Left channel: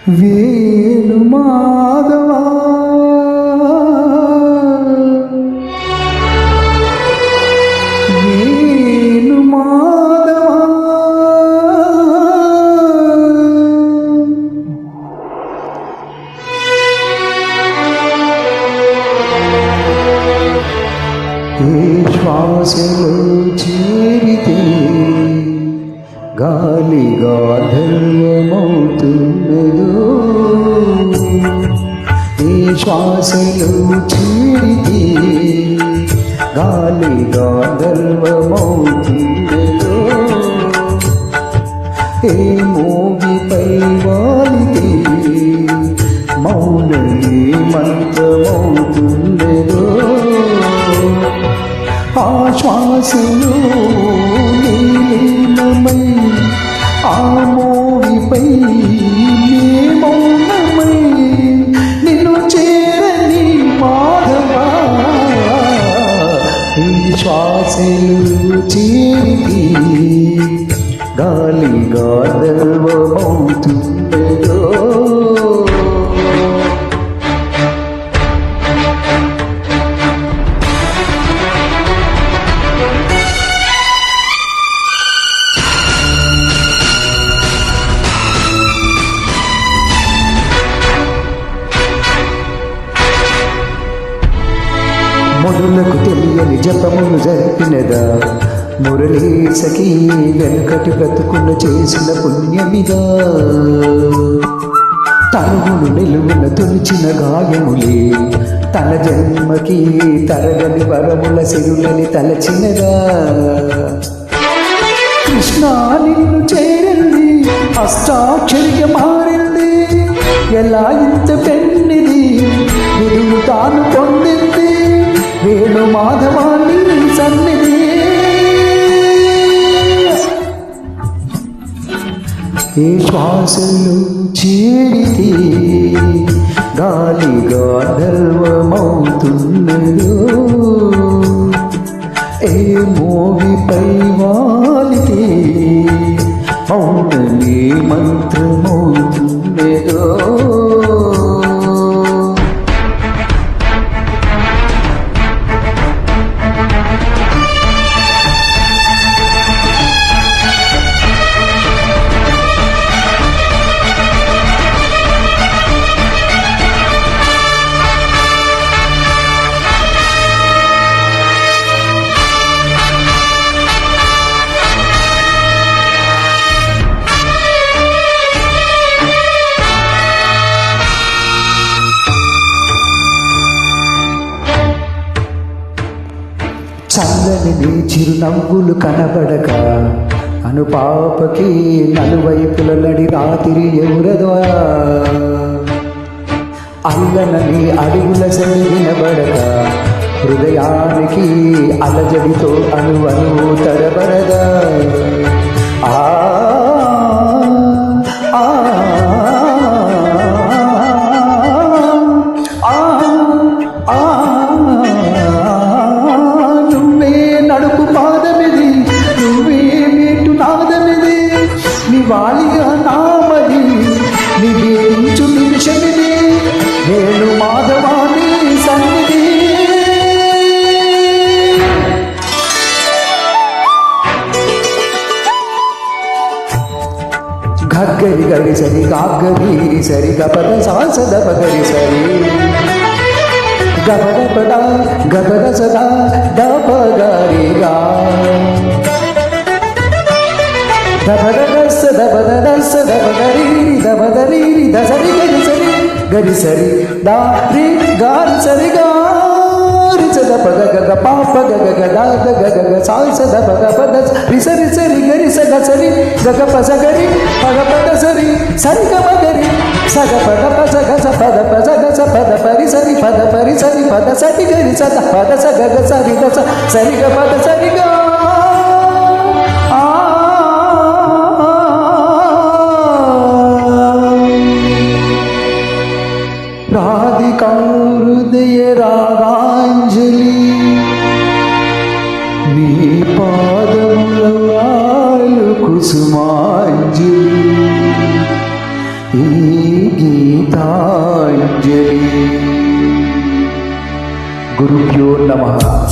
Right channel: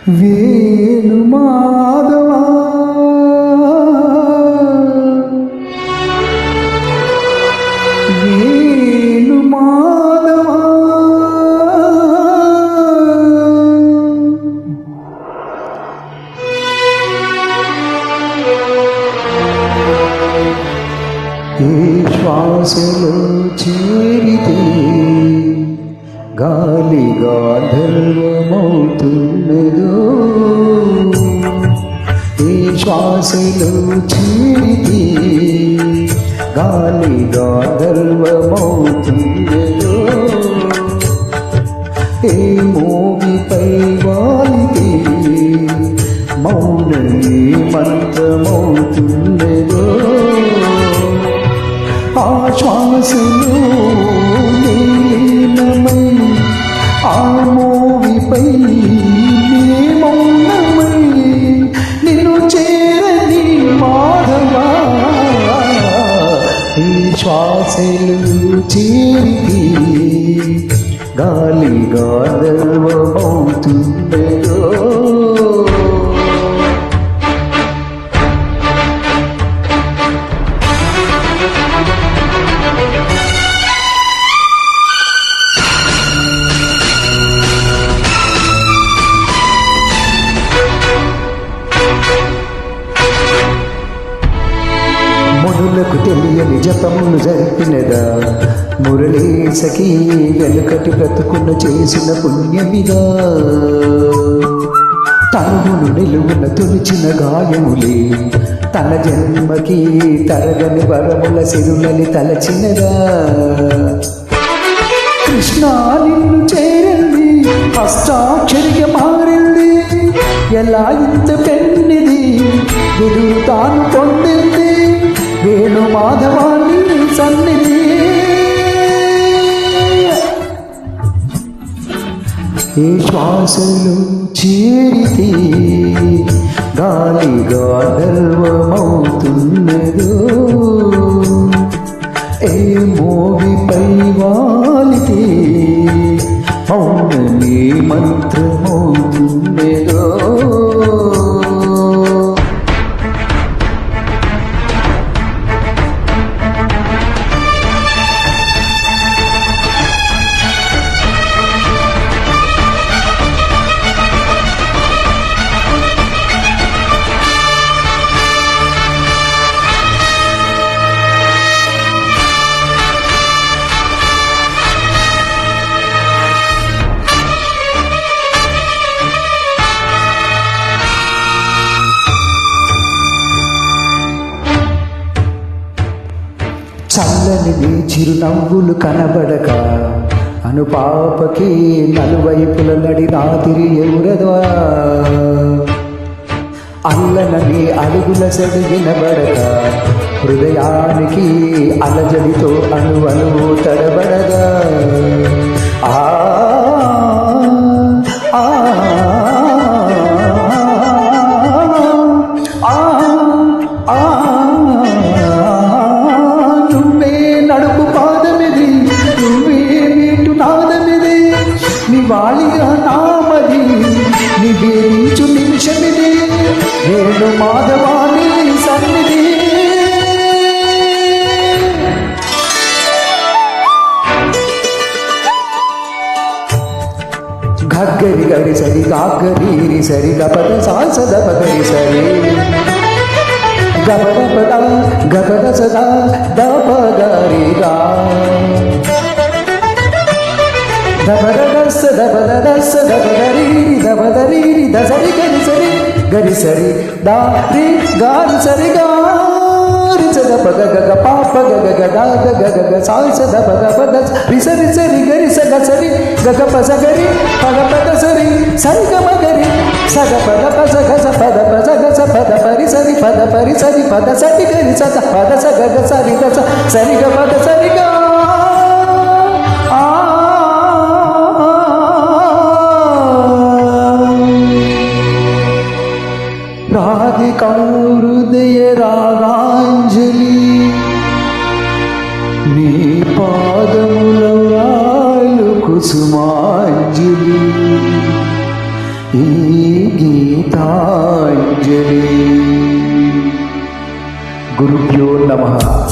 వేణు మాధవా వేణు మాధవా ఏ శ్వాసలో చేరితే గాలిగా ధర్మమవుతున్నదో ఏ శ్వాసలో చేరితే గాలిగా ధర్మమవుతున్నదో ఏ మోగిపై వాలితే మౌనమే మంత్రమవుతున్నదో ఆ శ్వాసలో నీలీనమై ఆ మోవిపై నీ మౌనమై నిన్ను చేరని మాధవా ఈ శ్వాసలు చేరితే గాలిగా ధర్మమవుతున్నదో మునులకు తెలియని జపములు జరిపినదా మురళీ సఖీ వెనుకటి బ్రతుకును చేసిన పుణ్యమిదా తనువును నిలువున తొలిచిన గాయములే తన జన్మకి తరగని వరముల సిరులని తలచినదా కృష్ణ నిన్ను చేరింది అష్టాక్షరిగా మారింది ఎలా ఇంత పెన్నిది విదురు తాను పొందింది వేణు మాధవాన్ని సన్నిధి ఏ శ్వాసలు చేరితే గాలిగా ధర్మమవుతున్నదో ఏ మోగిపై వాలితే మౌనమే మంత్రమవుతున్నదో చల్లని నీ చిరునవ్వులు కనబడక అనుపాపకి నలువైపుల నడి రాత్రి ఎవరదా అల్లన నీ అడుగుల సడి వినబడక హృదయానికి అలజడితో అణువణువు తడబడదా ఆ ఆ నడుపు పాదమిది నువ్వే మీటు నాదమిది నివాళిగా నామది నివేదించు నిమిషమిది నేను మాధవాని సన్నిధి గగ్గరి గరి సరి గాగ్గరి సరి గపద సాసద పగరి సరి గపద పద గపద సదా దపగరిగా దపదస్స దపదస్స దపగరీరి దపదరీరి దసరి గరి సరి దా రి గారి సరి గారి సద పగ గగ పాప గగ గద గగ సాల్స దప గపద రిసరి సరి గరి సగ సరి గగ పస గరి పగ పద సరి సరి గమ గరి సగ పద పస గస పద పస గస పద పరి సరి పద పరి సరి పద సరి గరి సద పద స గగ సరి గస సరి గ పద సరి గ ఆ రాధికా హృదయ రాగాంజలి నీ పాదముల వ్రాలు కుసుమాంజలి ఈ గీతాంజలి. గురుభ్యో నమః.